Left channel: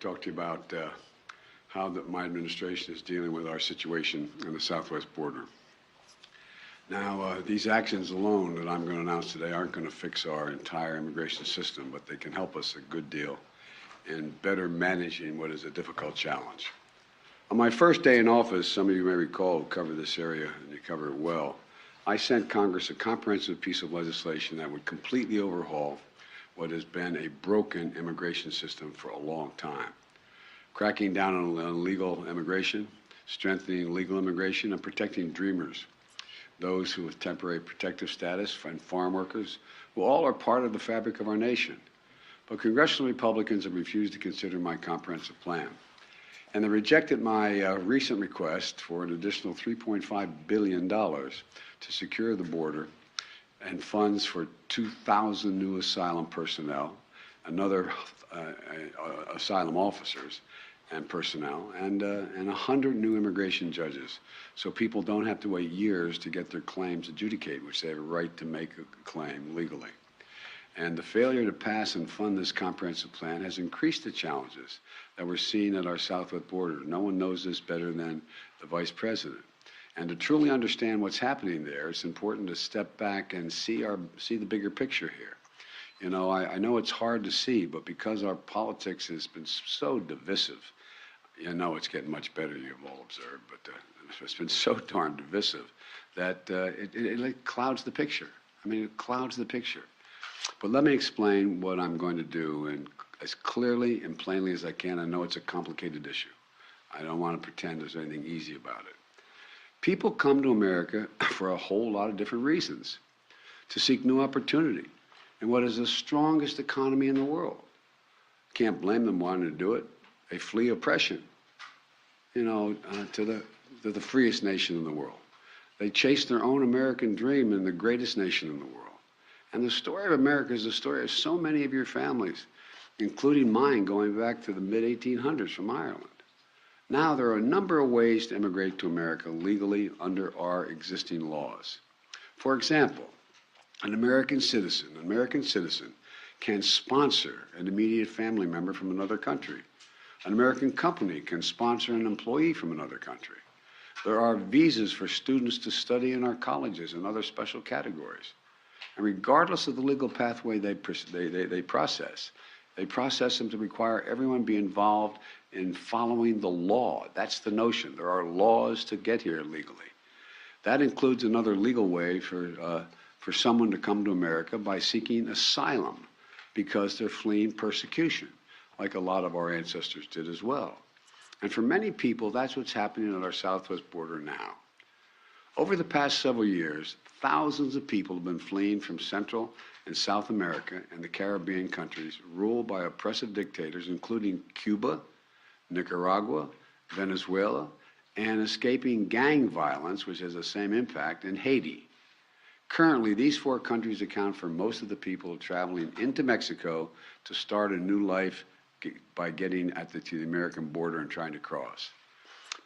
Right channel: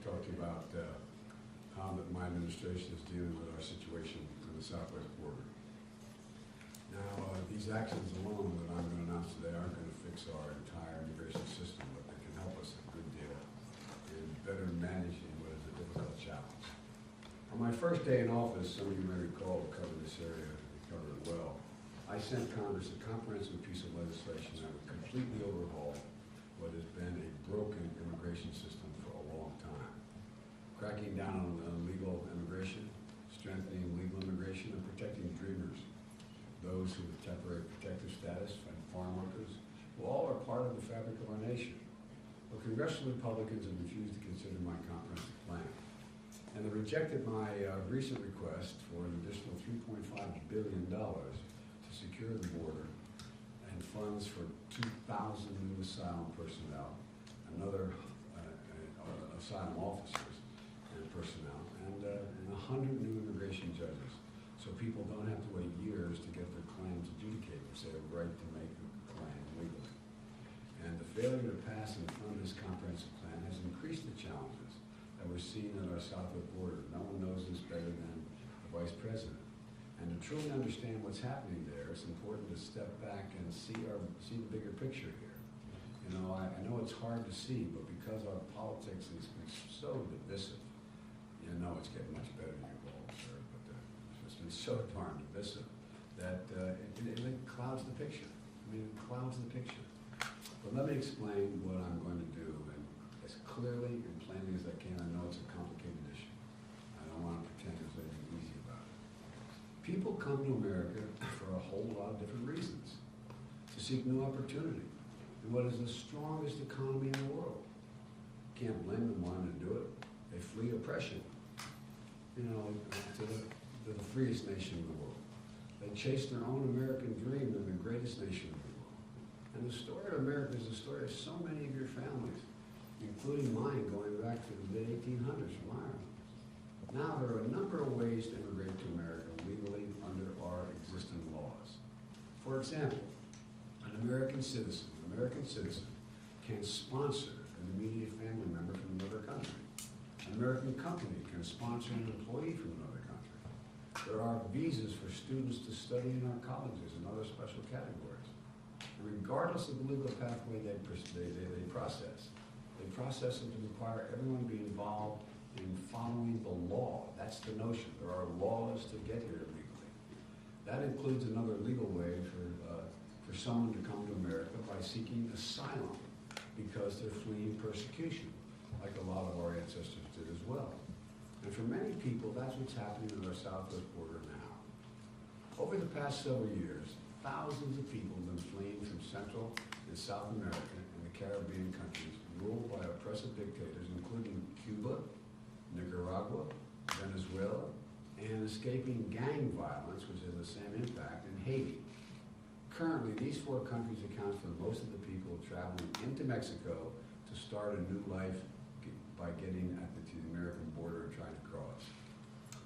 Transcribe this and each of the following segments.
talk to you about how my administration is dealing with our situation on the southwest border. Now, these actions alone that I'm going to announce today aren't going to fix our entire immigration system, but they can help us a good deal in better managing what is a difficult challenge. On my first day in office, some of you may recall, cover this area, and you cover it well, I sent Congress a comprehensive piece of legislation that would completely overhaul what has been a broken immigration system for a long time. Cracking down on illegal immigration, strengthening legal immigration, and protecting dreamers, those who have temporary protective status, and farm workers, who all are part of the fabric of our nation. But congressional Republicans have refused to consider my comprehensive plan. And they rejected my recent request for an additional $3.5 billion to secure the border and funds for 2,000 new asylum personnel, another asylum officers and personnel, and 100 new immigration judges, so people don't have to wait years to get their claims adjudicated, which they have a right to make a claim legally. And the failure to pass and fund this comprehensive plan has increased the challenges that we're seeing at our southwest border. No one knows this better than the Vice President. And to truly understand what's happening there, it's important to step back and see the bigger picture here. You know, I know it's hard to see, but because our politics has been so divisive, you know it's getting much better, you've all observed, but it's been so darn divisive that it clouds the picture. I mean, it clouds the picture. But let me explain what I'm going to do and as clearly and plainly as I can. I know it's a complicated issue. I don't want to pretend there's anything easy about it. People come to America for a whole lot of different reasons, to seek new opportunity in what is the strongest economy in the world. Can't blame them wanting to do it. They flee oppression, you know, to the freest nation in the world. They chase their own American dream in the greatest nation in the world. And the story of America is the story of so many of your families, including mine, going back to the mid-1800s from Ireland. Now, there are a number of ways to immigrate to America legally under our existing laws. For example, an American citizen can sponsor an immediate family member from another country. An American company can sponsor an employee from another country. There are visas for students to study in our colleges and other special categories. And regardless of the legal pathway they process them to require everyone be involved in following the law. That's the notion. There are laws to get here legally. That includes another legal way for someone to come to America by seeking asylum because they're fleeing persecution, like a lot of our ancestors did as well. And for many people, that's what's happening at our southwest border now. Over the past several years, thousands of people have been fleeing from Central and South America and the Caribbean countries ruled by oppressive dictators, including Cuba, Nicaragua, Venezuela, and escaping gang violence, which has the same impact, in Haiti. Currently, these four countries account for most of the people traveling into Mexico to start a new life by getting to the American border and trying to cross.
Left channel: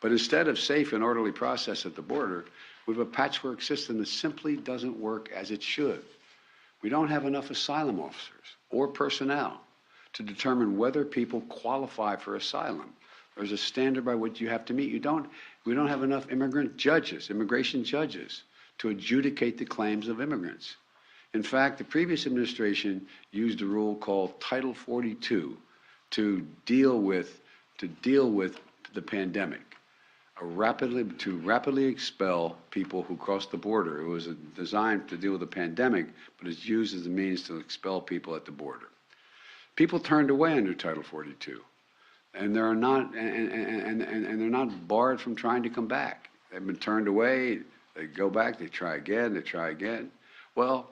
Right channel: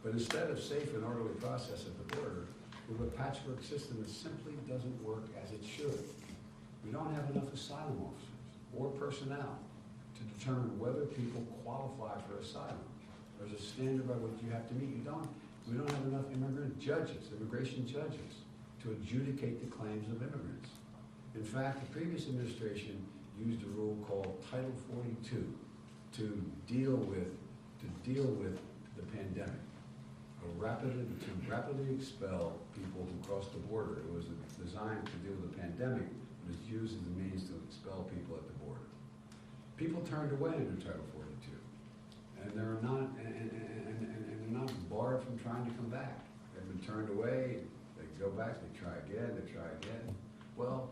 But instead of safe and orderly process at the border, we have a patchwork system that simply doesn't work as it should. We don't have enough asylum officers or personnel to determine whether people qualify for asylum. There's a standard by which you have to meet. We don't have enough immigration judges, to adjudicate the claims of immigrants. In fact, the previous administration used a rule called Title 42 to deal with the pandemic, to rapidly expel people who crossed the border. It was designed to deal with the pandemic, but it's used as a means to expel people at the border. People turned away under Title 42, and they're not barred from trying to come back. They've been turned away. They go back. They try again. They try again. Well,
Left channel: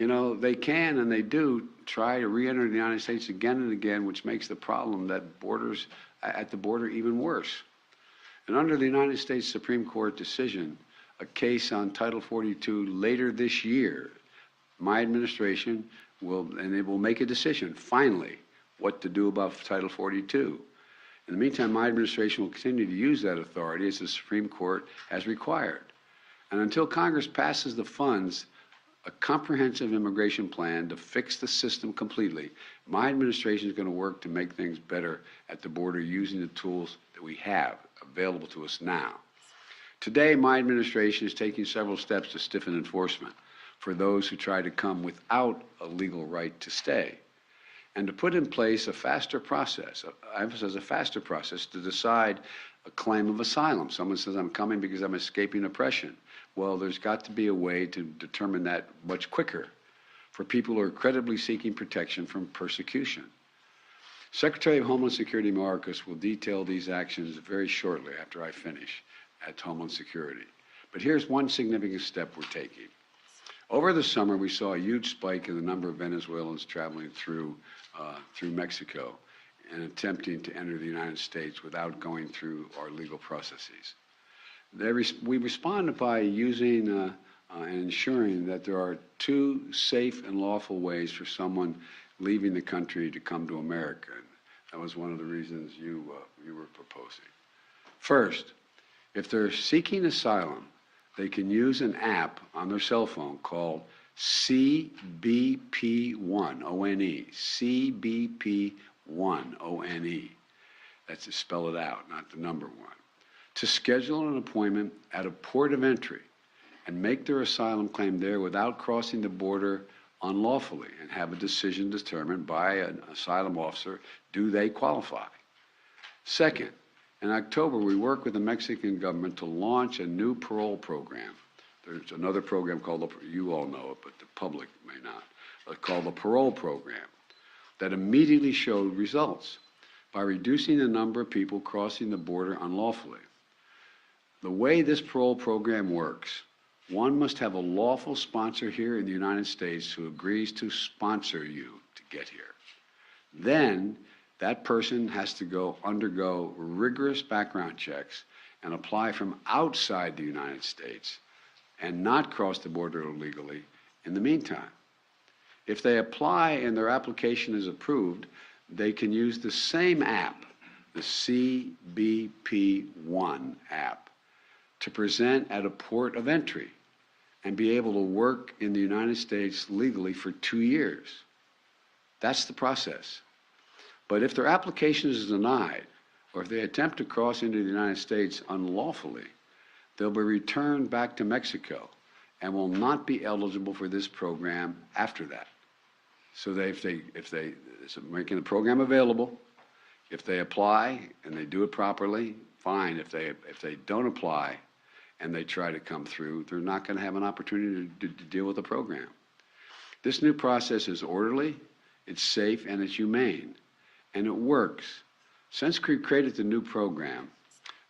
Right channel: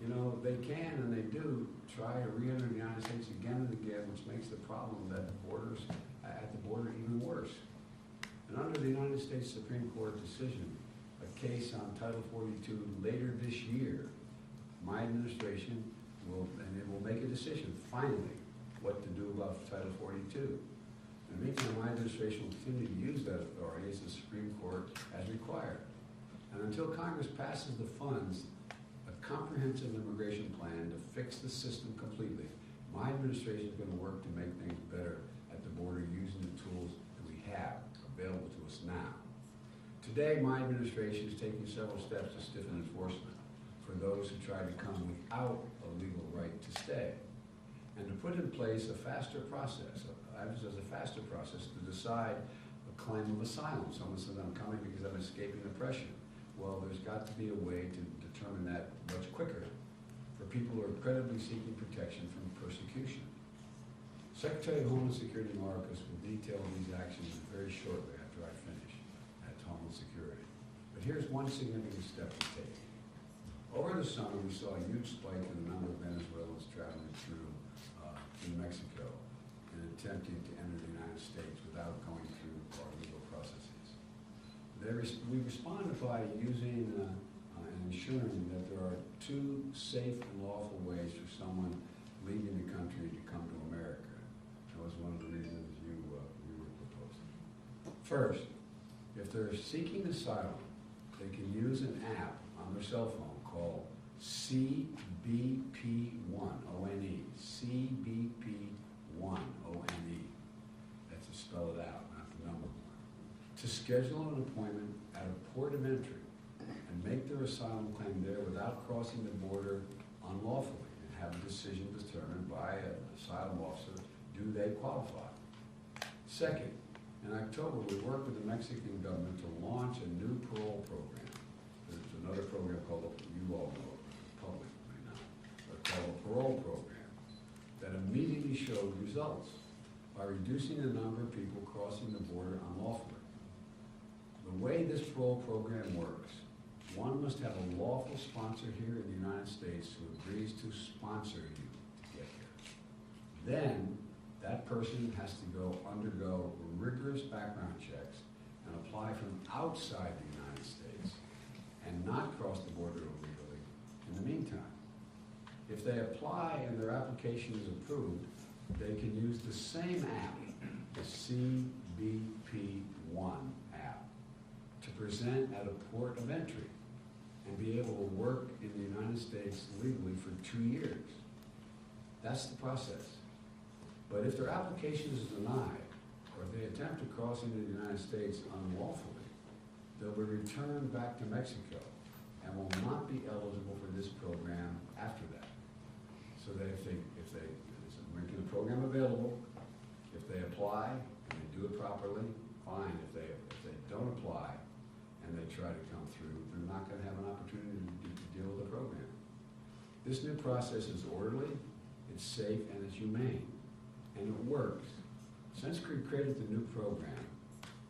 you know, they can and they do try to re-enter the United States again and again, which makes the problem at the border even worse. And under the United States Supreme Court decision, a case on Title 42 later this year, my administration will make a decision, finally, what to do about Title 42. In the meantime, my administration will continue to use that authority as the Supreme Court has required. And until Congress passes the funds, a comprehensive immigration plan to fix the system completely, My administration is going to work to make things better at the border using the tools that we have available to us now. Today, my administration is taking several steps to stiffen enforcement for those who try to come without a legal right to stay, and to put in place a faster process, I emphasize a faster process, to decide a claim of asylum. Someone says, I'm coming because I'm escaping oppression. Well, there's got to be a way to determine that much quicker for people who are credibly seeking protection from persecution. Secretary of Homeland Security Mayorkas will detail these actions very shortly after I finish at Homeland Security. But here's one significant step we're taking. Over the summer, we saw a huge spike in the number of Venezuelans traveling through Mexico and attempting to enter the United States without going through our legal processes. We responded by using and ensuring that there are two safe and lawful ways for someone leaving the country to come to America. That was one of the reasons you were proposing. First, if they're seeking asylum, they can use an app on their cell phone called CBP1, O-N-E, CBP1, O-N-E. That's to spell it out, not the number one. To schedule an appointment at a port of entry and make their asylum claim there without crossing the border unlawfully and have a decision determined by an asylum officer, do they qualify? Second, in October, we worked with the Mexican government to launch a new parole program. There's another program called, you all know it, but the public may not, called the parole program, that immediately showed results by reducing the number of people crossing the border unlawfully. The way this parole program works, one must have a lawful sponsor here in the United States who agrees to sponsor you to get here. Then that person has to undergo rigorous background checks and apply from outside the United States and not cross the border illegally in the meantime. If they apply and their application is approved, they can use the same app, the CBP1 app, to present at a port of entry and be able to work in the United States legally for 2 years. That's the process. But if their application is denied, or if they attempt to cross into the United States unlawfully, they'll be returned back to Mexico and will not be eligible for this program after that. So so making the program available, if they apply and they do it properly, fine. If they don't apply and they try to come through, they're not going to have an opportunity to deal with the program. This new process is orderly, it's safe, and it's humane, and it works. Since we created the new program,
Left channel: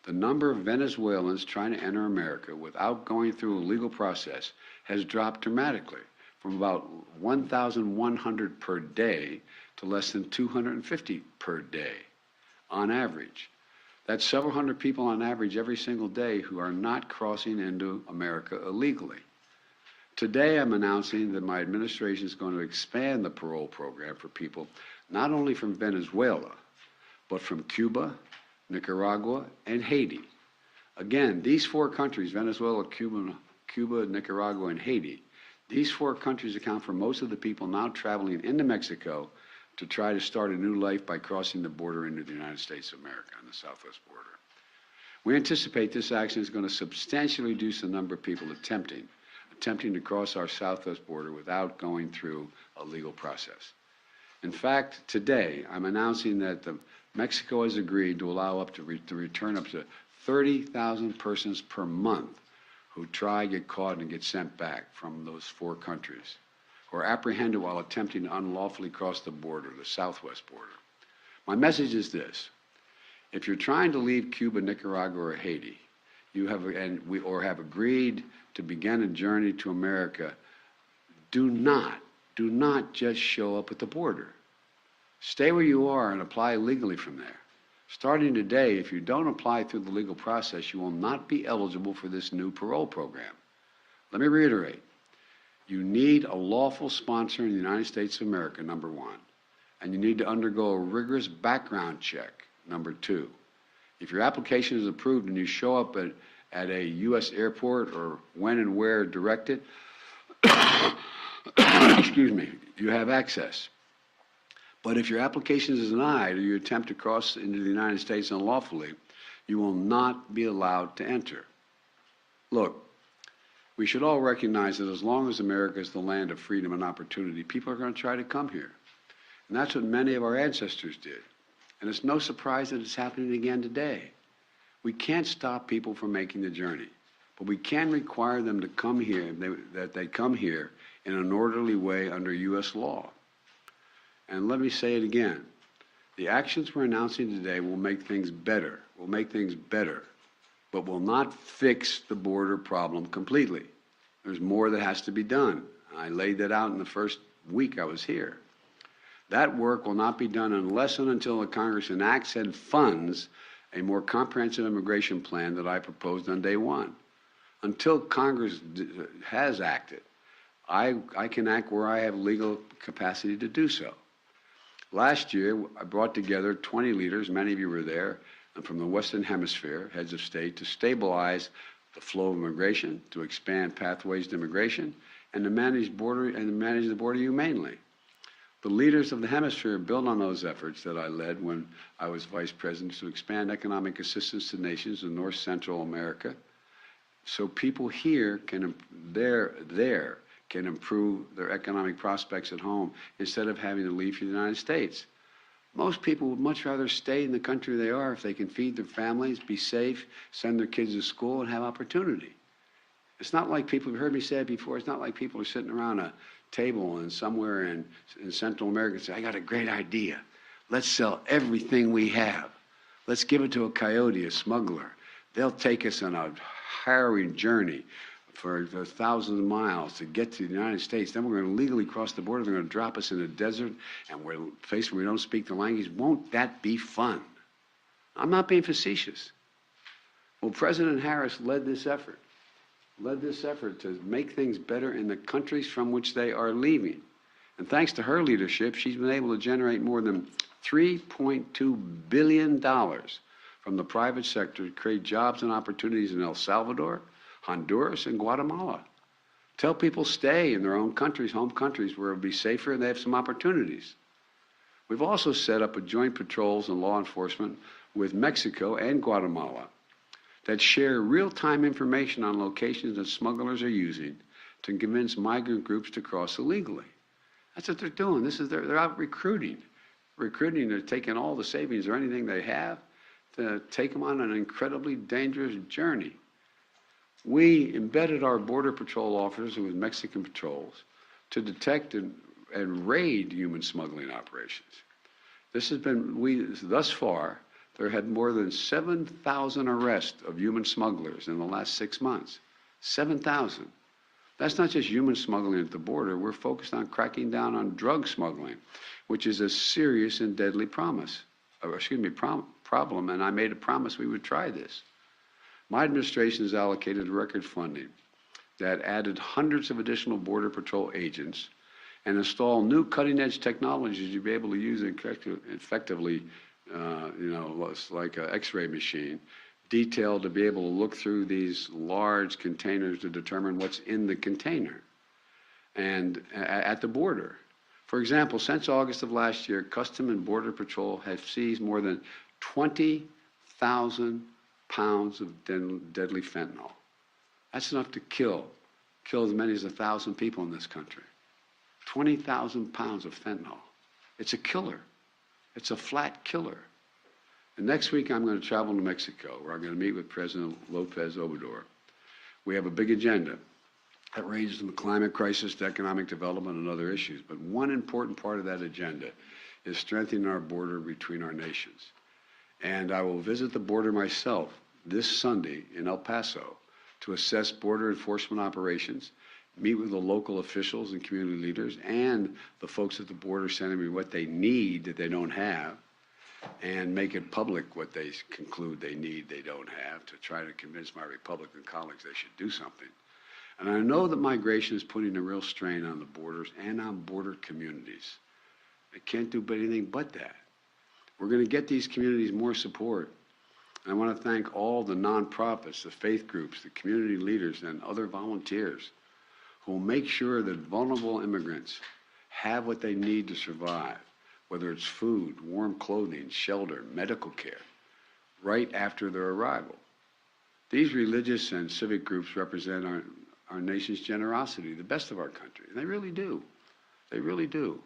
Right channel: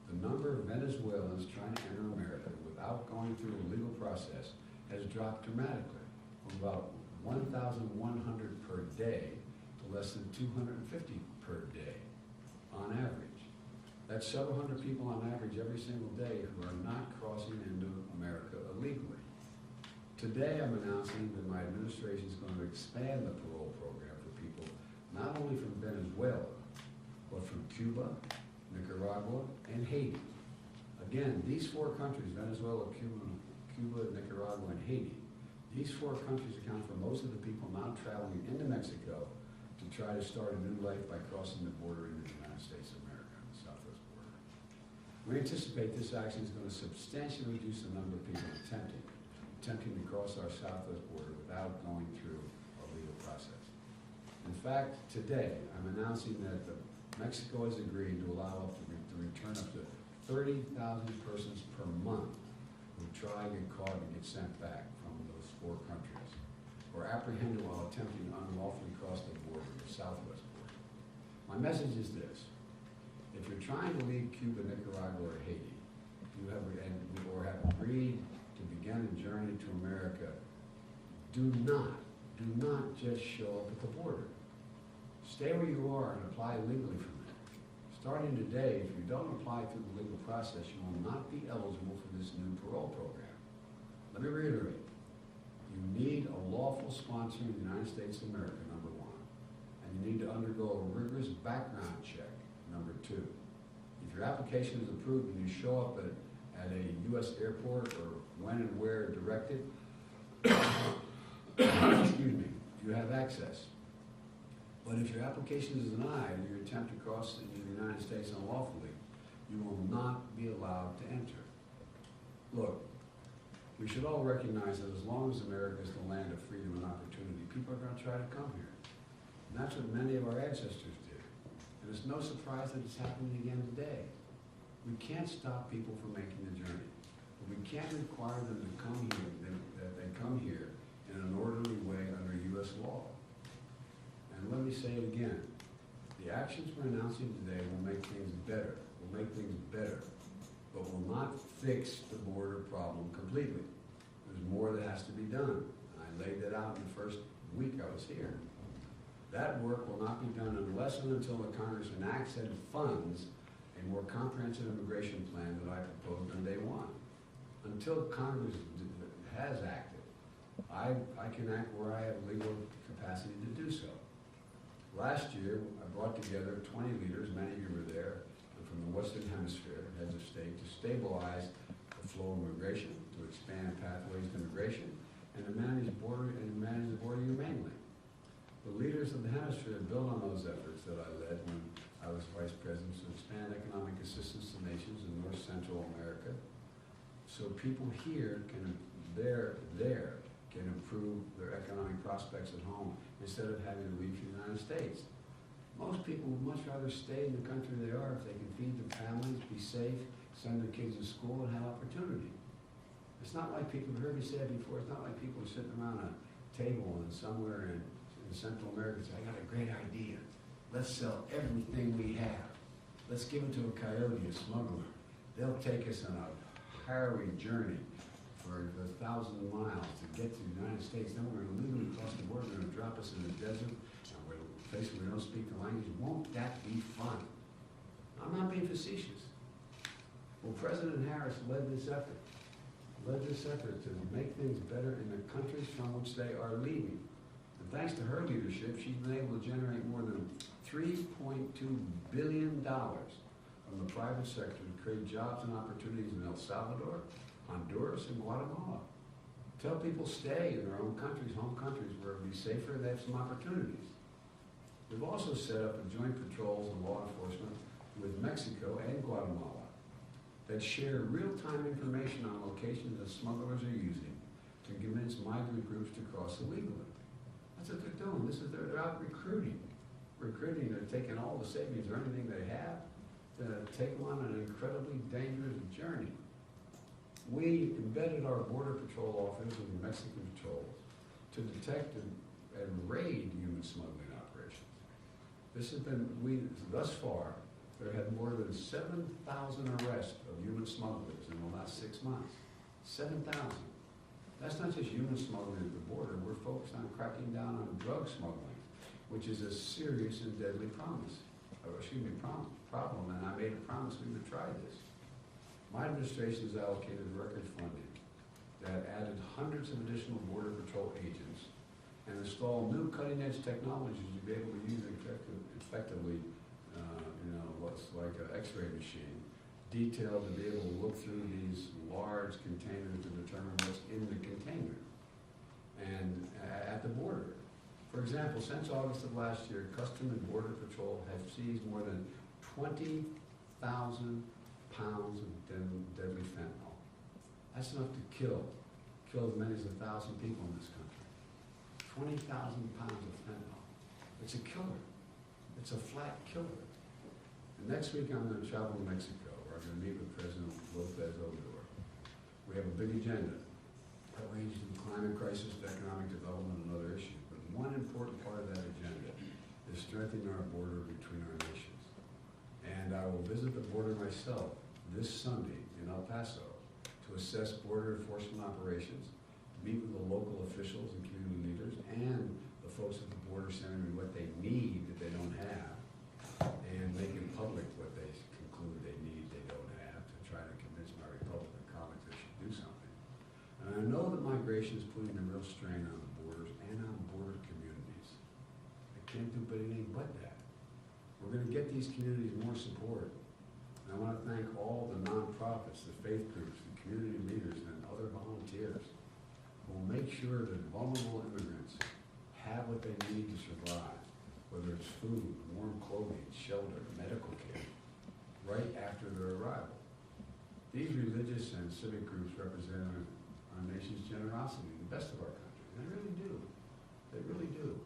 the number of Venezuelans trying to enter America without going through a legal process has dropped dramatically from about 1,100 per day to less than 250 per day on average. That's several hundred people on average every single day who are not crossing into America illegally. Today, I'm announcing that my administration is going to expand the parole program for people not only from Venezuela, but from Cuba, Nicaragua, and Haiti. Again, these four countries, Venezuela, Cuba, Nicaragua, and Haiti, these four countries account for most of the people now traveling into Mexico to try to start a new life by crossing the border into the United States of America on the southwest border. We anticipate this action is going to substantially reduce the number of people attempting to cross our southwest border without going through a legal process. In fact, today, I'm announcing that Mexico has agreed to allow to return up to 30,000 persons per month who try, get caught, and get sent back from those four countries, or apprehended while attempting to unlawfully cross the border, the southwest border. My message is this: if you're trying to leave Cuba, Nicaragua, or Haiti, or have agreed to begin a journey to America, do not just show up at the border. Stay where you are and apply legally from there. Starting today, if you don't apply through the legal process, you will not be eligible for this new parole program. Let me reiterate. You need a lawful sponsor in the United States of America, number one, and you need to undergo a rigorous background check, number two. If your application is approved and you show up at a U.S. airport or when and where directed, excuse me, you have access. But if your application is denied or you attempt to cross into the United States unlawfully, you will not be allowed to enter. Look, we should all recognize that as long as America is the land of freedom and opportunity, people are going to try to come here. And that's what many of our ancestors did. And it's no surprise that it's happening again today. We can't stop people from making the journey, but we can require them to come here, that they come here in an orderly way under U.S. law. And let me say it again. The actions we're announcing today will make things better, but will not fix the border problem completely. There's more that has to be done. I laid that out in the first week I was here. That work will not be done unless and until the Congress enacts and funds a more comprehensive immigration plan that I proposed on day one. Until Congress has acted, I can act where I have legal capacity to do so. Last year, I brought together 20 leaders, many of you were there, and from the Western Hemisphere, heads of state, to stabilize the flow of immigration, to expand pathways to immigration, and to manage the border humanely. The leaders of the hemisphere built on those efforts that I led when I was vice president to expand economic assistance to nations in North Central America, so people here can improve their economic prospects at home instead of having to leave for the United States. Most people would much rather stay in the country they are if they can feed their families, be safe, send their kids to school, and have opportunity. It's not like people, you've heard me say it before, it's not like people are sitting around a table and somewhere in Central America and say, I got a great idea. Let's sell everything we have. Let's give it to a coyote, a smuggler. They'll take us on a harrowing journey for thousands of miles to get to the United States. Then we're going to legally cross the border. They're going to drop us in the desert, and we're faced where we don't speak the language. Won't that be fun? I'm not being facetious. Well, President Harris led this effort to make things better in the countries from which they are leaving. And thanks to her leadership, she's been able to generate more than $3.2 billion from the private sector to create jobs and opportunities in El Salvador, Honduras, and Guatemala. Tell people stay in their own countries, home countries, where it'll be safer and they have some opportunities. We've also set up a joint patrols and law enforcement with Mexico and Guatemala that share real-time information on locations that smugglers are using to convince migrant groups to cross illegally. That's what they're doing. They're out recruiting. They're taking all the savings or anything they have to take them on an incredibly dangerous journey. We embedded our Border Patrol officers with Mexican patrols to detect and raid human smuggling operations. Thus far, there had more than 7,000 arrests of human smugglers in the last 6 months. 7,000. That's not just human smuggling at the border. We're focused on cracking down on drug smuggling, which is a serious and deadly problem, and I made a promise we would try this. My administration has allocated record funding that added hundreds of additional Border Patrol agents and installed new cutting-edge technologies you'll be able to use effectively, like an X-ray machine, detailed to be able to look through these large containers to determine what's in the container and at the border. For example, since August of last year, Customs and Border Patrol have seized more than 20,000 pounds of deadly fentanyl. That's enough to kill as many as 1,000 people in this country. 20,000 pounds of fentanyl. It's a killer. It's a flat killer. And next week I'm going to travel to Mexico, where I'm going to meet with President Lopez Obrador. We have a big agenda that ranges from the climate crisis to economic development and other issues. But one important part of that agenda is strengthening our border between our nations. And I will visit the border myself this Sunday in El Paso to assess border enforcement operations, meet with the local officials and community leaders and the folks at the border sending me what they need that they don't have, and make it public what they conclude they need they don't have to try to convince my Republican colleagues they should do something. And I know that migration is putting a real strain on the borders and on border communities. They can't do anything but that. We're going to get these communities more support. And I want to thank all the nonprofits, the faith groups, the community leaders, and other volunteers who will make sure that vulnerable immigrants have what they need to survive. whether it's food, warm clothing, shelter, medical care, right after their arrival. These religious and civic groups represent our nation's generosity, the best of our country, and they really do. They really do.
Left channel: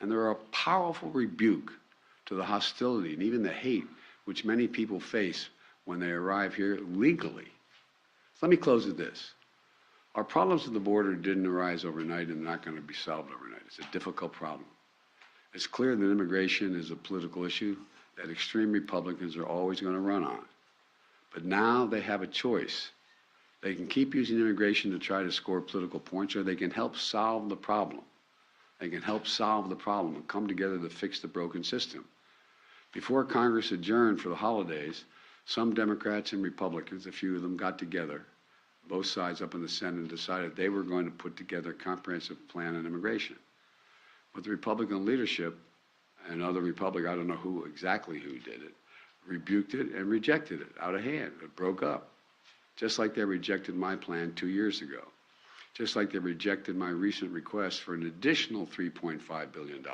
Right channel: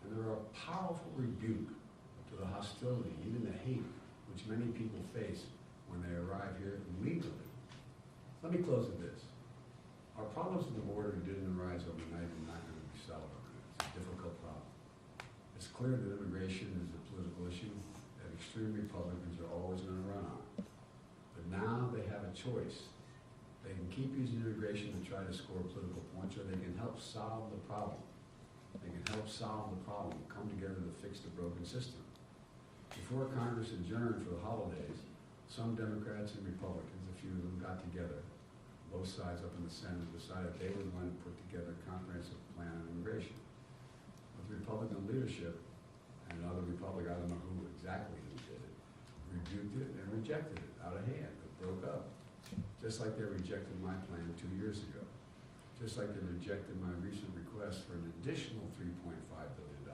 And they're a powerful rebuke to the hostility and even the hate which many people face when they arrive here legally. Let me close with this. Our problems at the border didn't arise overnight and not going to be solved overnight. It's a difficult problem. It's clear that immigration is a political issue that extreme Republicans are always going to run on. But now they have a choice. They can keep using immigration to try to score political points, or they can help solve the problem. They can help solve the problem and come together to fix the broken system. Before Congress adjourned for the holidays, some Democrats and Republicans, a few of them, got together, both sides up in the Senate, and decided they were going to put together a comprehensive plan on immigration. But the Republican leadership and other Republicans, I don't know who exactly did it, rebuked it and rejected it out of hand. It broke up, just like they rejected my plan 2 years ago, just like they rejected my recent request for an additional $3.5 billion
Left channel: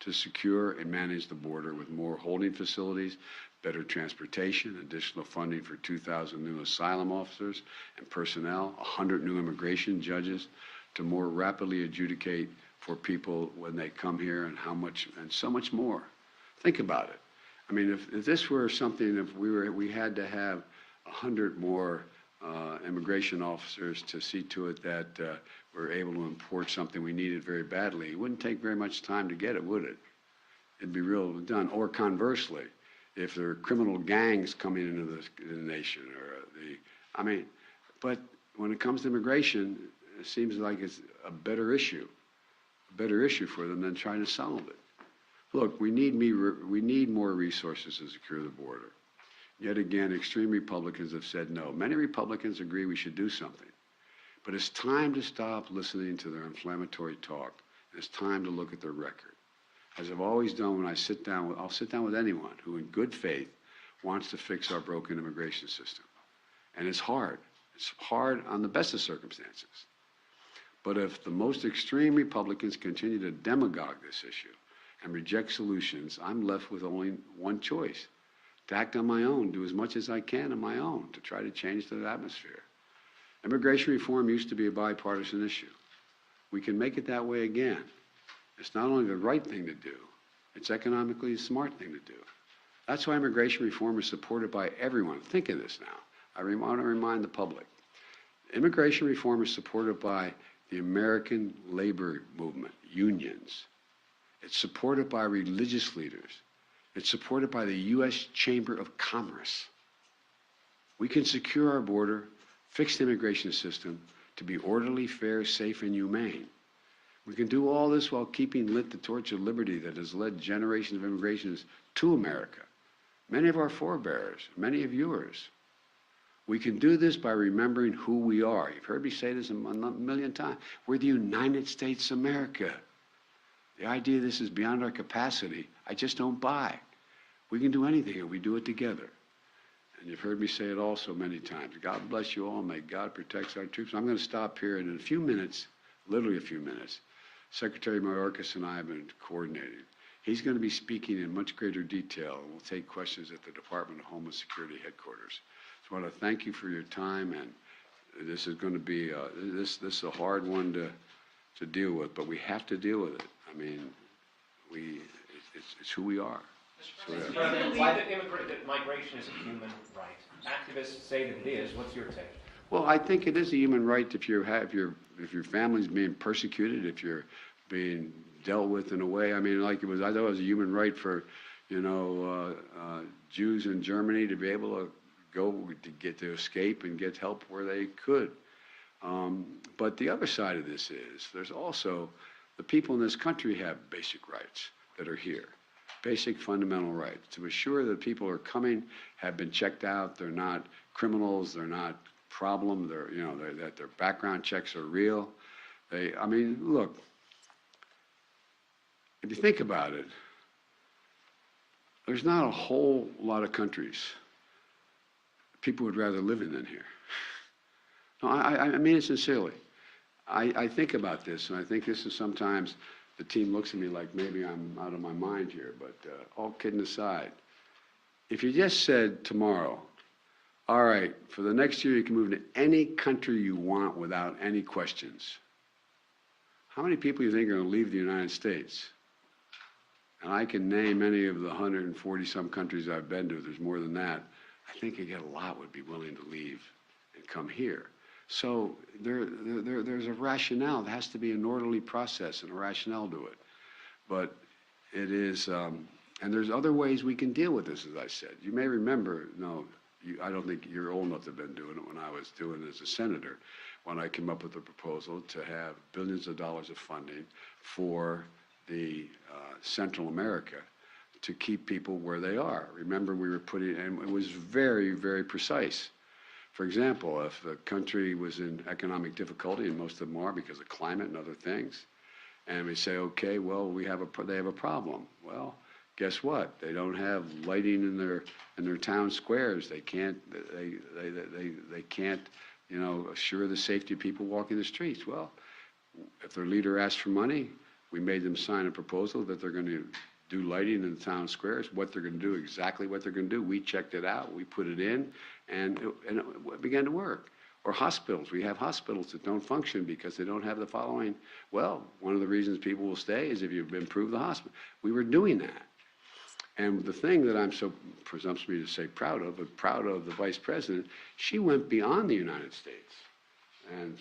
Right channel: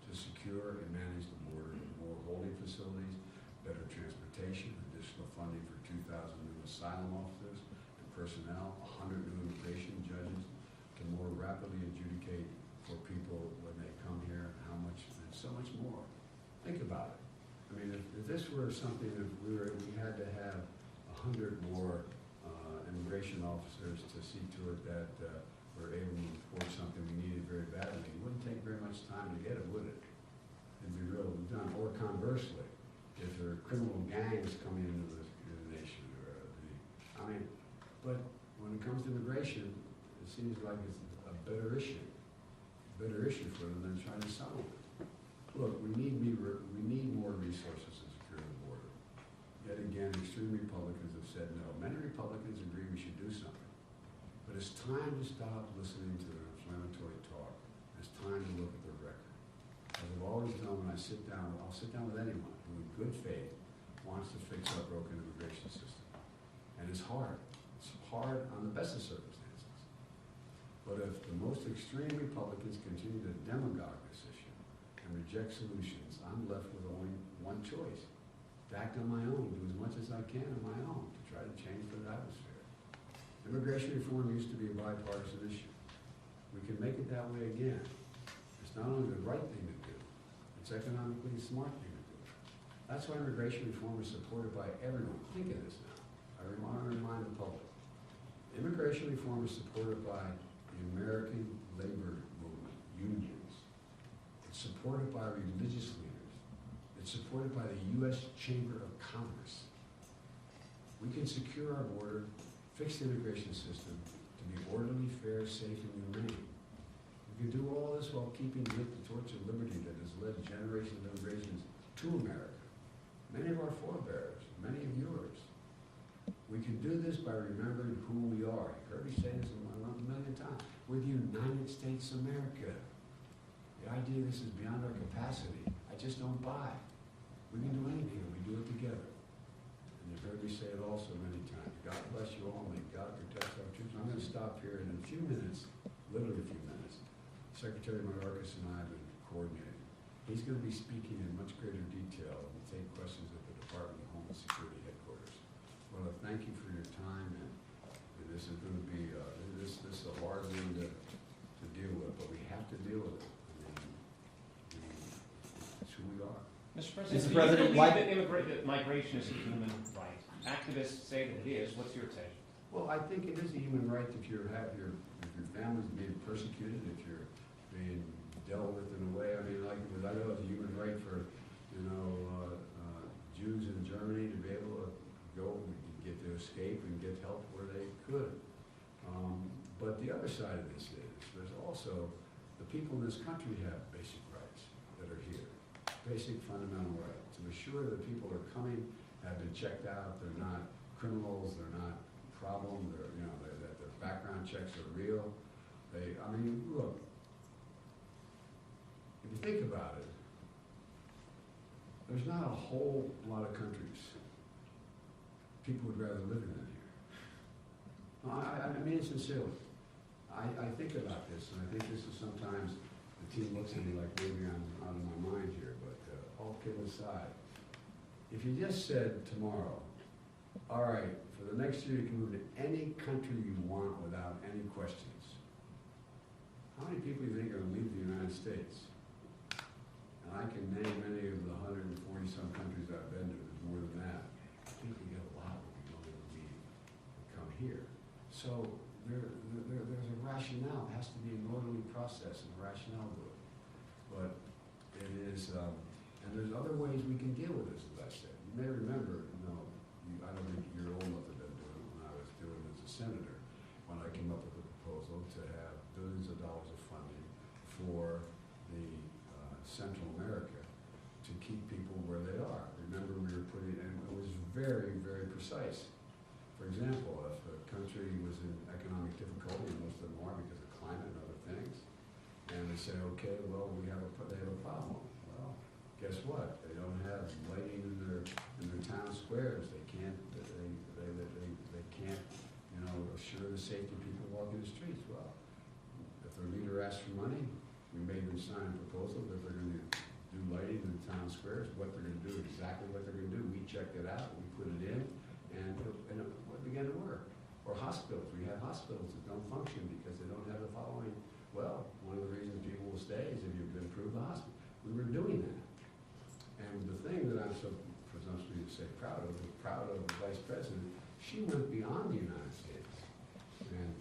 to secure and manage the border with more holding facilities, better transportation, additional funding for 2,000 new asylum officers and personnel, 100 new immigration judges to more rapidly adjudicate for people when they come here, and how much, and so much more. Think about it. I mean, if this were something, if we had to have 100 more immigration officers to see to it that we're able to import something we needed very badly, it wouldn't take very much time to get it, would it? It'd be real done. Or conversely, if there are criminal gangs coming into the nation, or but when it comes to immigration, it seems like it's a better issue for them than trying to solve it. Look, we need more resources to secure the border. Yet again, extreme Republicans have said no. Many Republicans agree we should do something. But it's time to stop listening to their inflammatory talk. It's time to look at their record. As I've always done when I'll sit down with anyone who in good faith wants to fix our broken immigration system. And it's hard. It's hard on the best of circumstances. But if the most extreme Republicans continue to demagogue this issue and reject solutions, I'm left with only one choice: to act on my own, do as much as I can on my own to try to change the atmosphere. Immigration reform used to be a bipartisan issue. We can make it that way again. It's not only the right thing to do, it's economically a smart thing to do. That's why immigration reform is supported by everyone. Think of this now. I want to remind the public. Immigration reform is supported by the American labor movement, unions. It's supported by religious leaders. It's supported by the U.S. Chamber of Commerce. We can secure our border, fix the immigration system to be orderly, fair, safe, and humane. We can do all this while keeping lit the torch of liberty that has led generations of immigrants to America. Many of our forebears, many of yours. We can do this by remembering who we are. You've heard me say this a million times. We're the United States of America. The idea this is beyond our capacity, I just don't buy. We can do anything if we do it together. And you've heard me say it also many times. God bless you all. May God protect our troops. I'm going to stop here, and in a few minutes, literally a few minutes, Secretary Mayorkas and I have been coordinating. He's going to be speaking in much greater detail, and we'll take questions at the Department of Homeland Security headquarters. So I want to thank you for your time, and this is going to be this is a hard one to deal with, but we have to deal with it. I mean, it's who we are. Mr. President, why migration is a human right? Activists say that it is. What's your take? Well, I think it is a human right if your family's being persecuted, if you're being dealt with in a way. I mean, like I thought it was a human right for, Jews in Germany to be able to go to escape and get help where they could. But the other side of this is there's also the people in this country have basic rights that are here, basic fundamental rights to assure that people are coming, have been checked out, they're not criminals, they're not problem, that their background checks are real. Look, if you think about it, there's not a whole lot of countries people would rather live in than here. No, I mean it sincerely. I think about this, and I think this is sometimes the team looks at me like maybe I'm out of my mind here, but all kidding aside, if you just said tomorrow, all right, for the next year you can move to any country you want without any questions, how many people do you think are going to leave the United States? And I can name any of the 140-some countries I've been to. There's more than that. I think a lot would be willing to leave and come here. So there's a rationale. There has to be an orderly process and a rationale to it. But it is, and there's other ways we can deal with this, as I said. You may remember, I don't think you're old enough to have been doing it when I was doing it as a senator, when I came up with a proposal to have billions of dollars of funding for the Central America to keep people where they are. Remember, we were putting, and it was very, very precise. For example, if a country was in economic difficulty, and most of them are because of climate and other things, and we say, okay, well, they have a problem. Well, guess what? They don't have lighting in their town squares. They can't assure the safety of people walking the streets. Well, if their leader asked for money, we made them sign a proposal that they're going to do lighting in the town squares, what they're going to do, exactly what they're going to do. We checked it out, we put it in, and it began to work. Or hospitals. We have hospitals that don't function because they don't have the following. Well, one of the reasons people will stay is if you've improved the hospital. We were doing that. And the thing that I'm so presumptuous to say proud of, but proud of the Vice President, she went beyond the United States and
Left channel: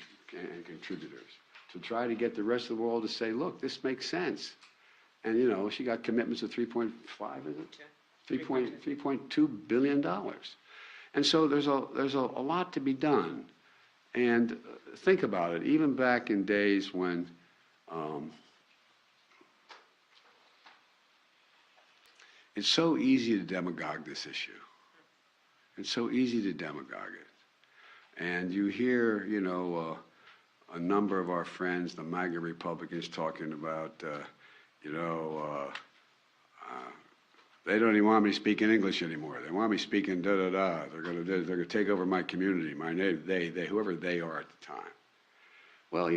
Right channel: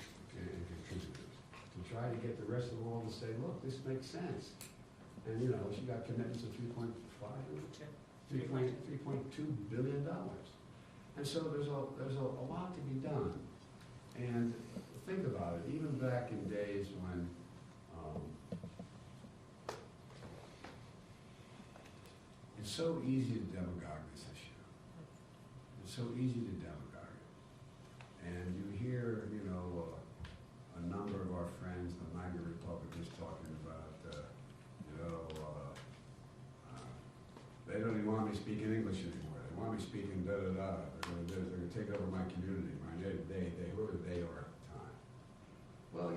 contributors to try to get the rest of the world to say, look, this makes sense. And she got commitments of 3.5, is it? 3.2 billion dollars. And so there's a lot to be done. And think about it, even back in days when it's so easy to demagogue this issue. It's so easy to demagogue it. And you hear, a number of our friends, the MAGA Republicans, talking about, they don't even want me speaking English anymore. They want me speaking da-da-da. They're gonna take over my community, my name, they, whoever they are at the time. Well,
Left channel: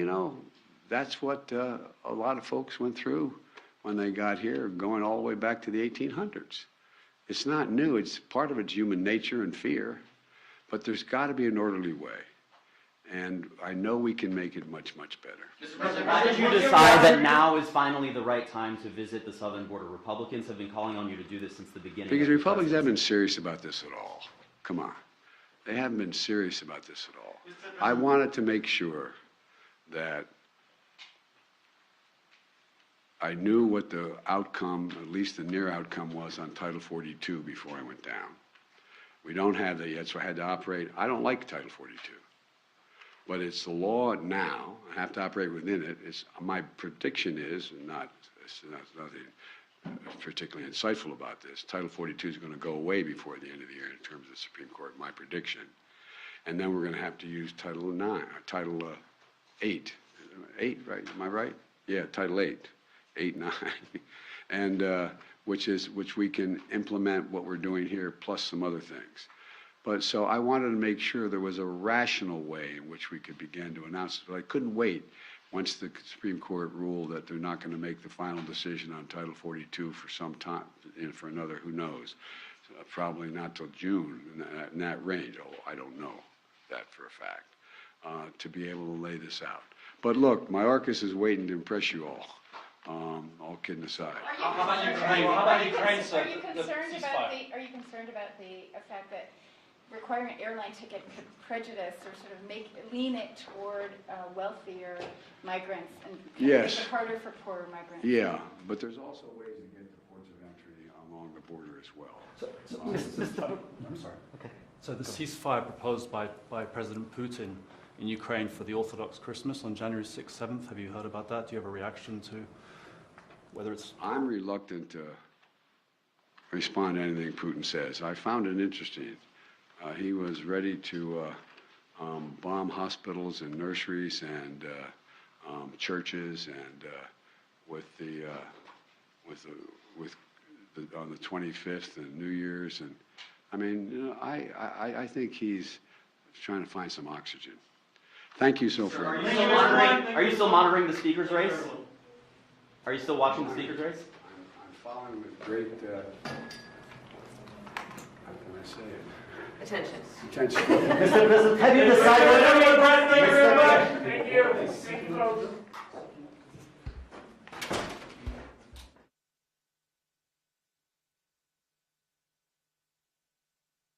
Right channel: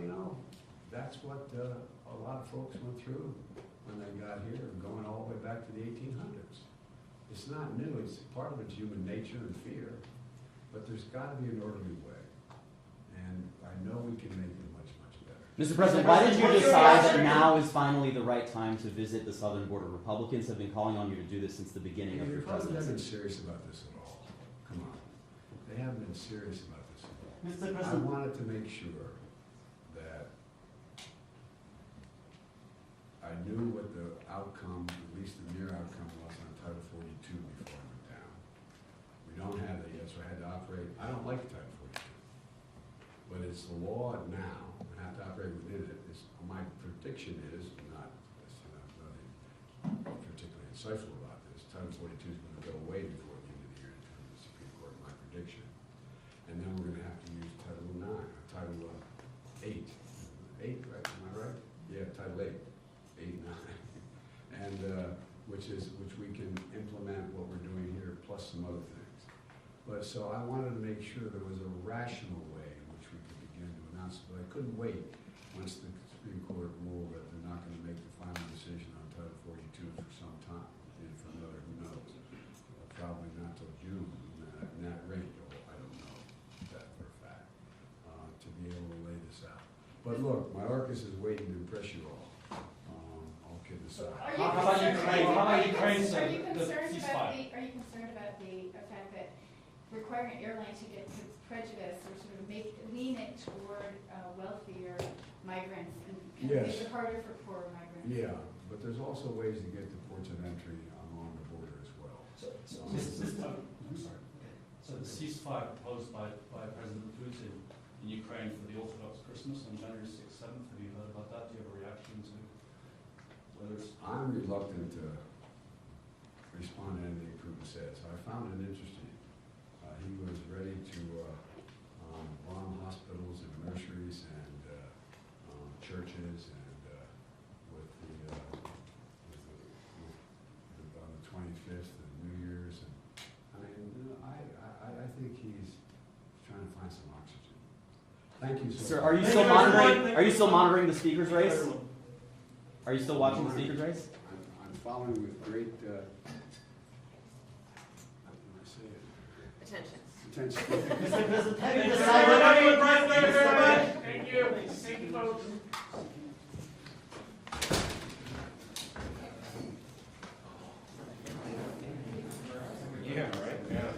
that's what a lot of folks went through when they got here, going all the way back to the 1800s. It's not new. It's part of it's human nature and fear, but there's got to be an orderly way. And I know we can make it much, much better. Mr. President, why did you decide that now is finally the right time to visit the southern border? Republicans have been calling on you to do this since the beginning. Because Republicans haven't been serious about this at all. Come on. They haven't been serious about this at all. I wanted to make sure that I knew what the outcome, at least the near outcome, was on Title 42 before I went down. We don't have that yet, so I had to operate. I don't like Title 42. But it's the law now. I have to operate within it. My prediction is, it's nothing particularly insightful about this, Title 42 is going to go away before the end of the year in terms of the Supreme Court, my prediction. And then we're going to have to use Title 9, or Title 8. 8, right? Am I right? Yeah, Title 8. 8, 9. And which we can implement what we're doing here, plus some other things. But so I wanted to make sure there was a rational way in which we could begin to announce it. But I couldn't wait once the Supreme Court ruled that they're not going to make the final decision on Title 42 for some time, for another, who knows, probably not till June, in that range. Oh, I don't know that for a fact, to be able to lay this out. But look, Mayorkas is waiting to impress you all. All kidding aside. How about Ukraine? Are you concerned about the fact that requiring an airline ticket could prejudice or sort of lean it toward wealthier migrants and yes, make it harder for poorer migrants? Yeah, but there's also ways to get to ports of entry along the border as well. I'm sorry. Okay. So the ceasefire proposed by President Putin in Ukraine for the Orthodox Christmas on January 6th, 7th, have you heard about that? Do you have a reaction to whether it's... I'm reluctant to respond to anything Putin says. I found it interesting. He was ready to bomb hospitals and nurseries and churches, and on the 25th and New Year's, and I mean, I think he's trying to find some oxygen. Thank you so much. Sir, are you still monitoring the speaker's race? Are you still watching the speakers race? I'm following with great, how can I say it? Attention. Attention. Mr. President, have you decided? Thank you very much. Thank you. Thank you, folks. Yeah, right? Yeah.